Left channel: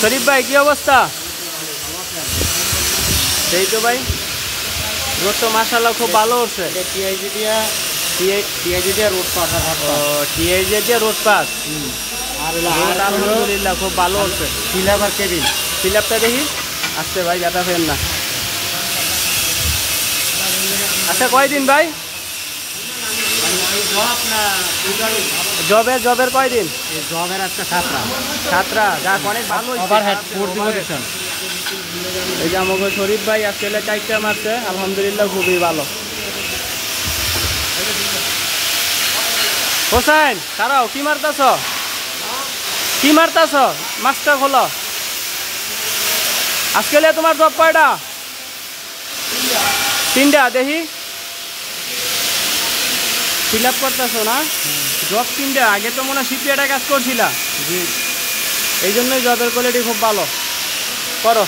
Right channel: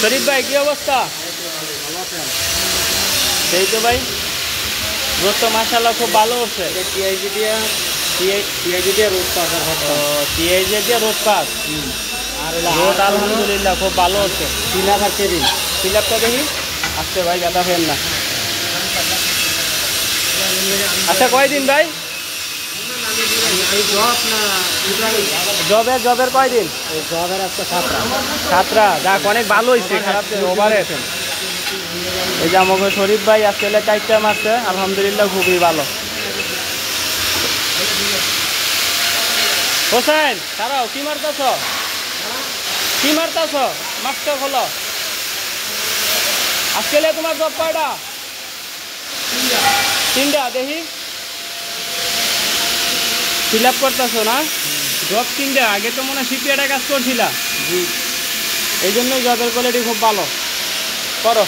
শরীফ ভাই কি অবস্থা? সেই তো ভাই, রোড তো মাশাআল্লাহ খুব ভালো হচ্ছে। টিআইজি দিয়ে রোড পাস, রোড আলহামদুলিল্লাহ খুব ভালো হচ্ছে। সিলাপ আর কেবিন, সিলাপটা দেখি আসছে ভাই, গাটা ফেন না। আচ্ছা কয়দিন ভাই? জবের কয়দিন? জবের আজকে 7টা। যাক অনেক ভালো হয়েছে। এই যে আমাকে শরীফ ভাই আজকে 4টা মারছে, আলহামদুলিল্লাহ খুবই ভালো। হোসেন তারাও কি মারতাছ? কি মারতাছ? মাস্টার খোলো। আজকে তোমার জব কয়টা? 3টা। দেখি ফিল আপ করতেছ না? জব 3টা। আগে তো মনে হয় শিপিয়াটা কাজ করছিলা, এই জন্যই জবের কোয়ালিটি খুব ভালো। করো।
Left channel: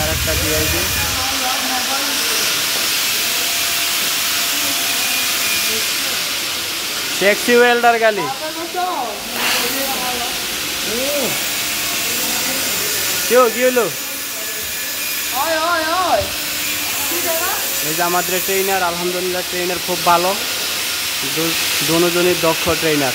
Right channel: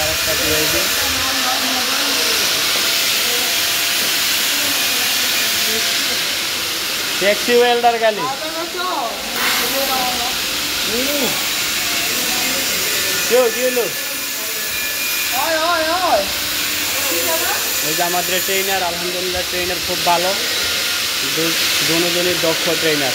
আরেকটা টিআইজি। ট্যাক্সি ওয়েল্ডার গালি কেউ কি হলো? এই যে আমাদের ট্রেনার, আলহামদুলিল্লাহ ট্রেনার খুব ভালো, দুজনই দক্ষ ট্রেনার।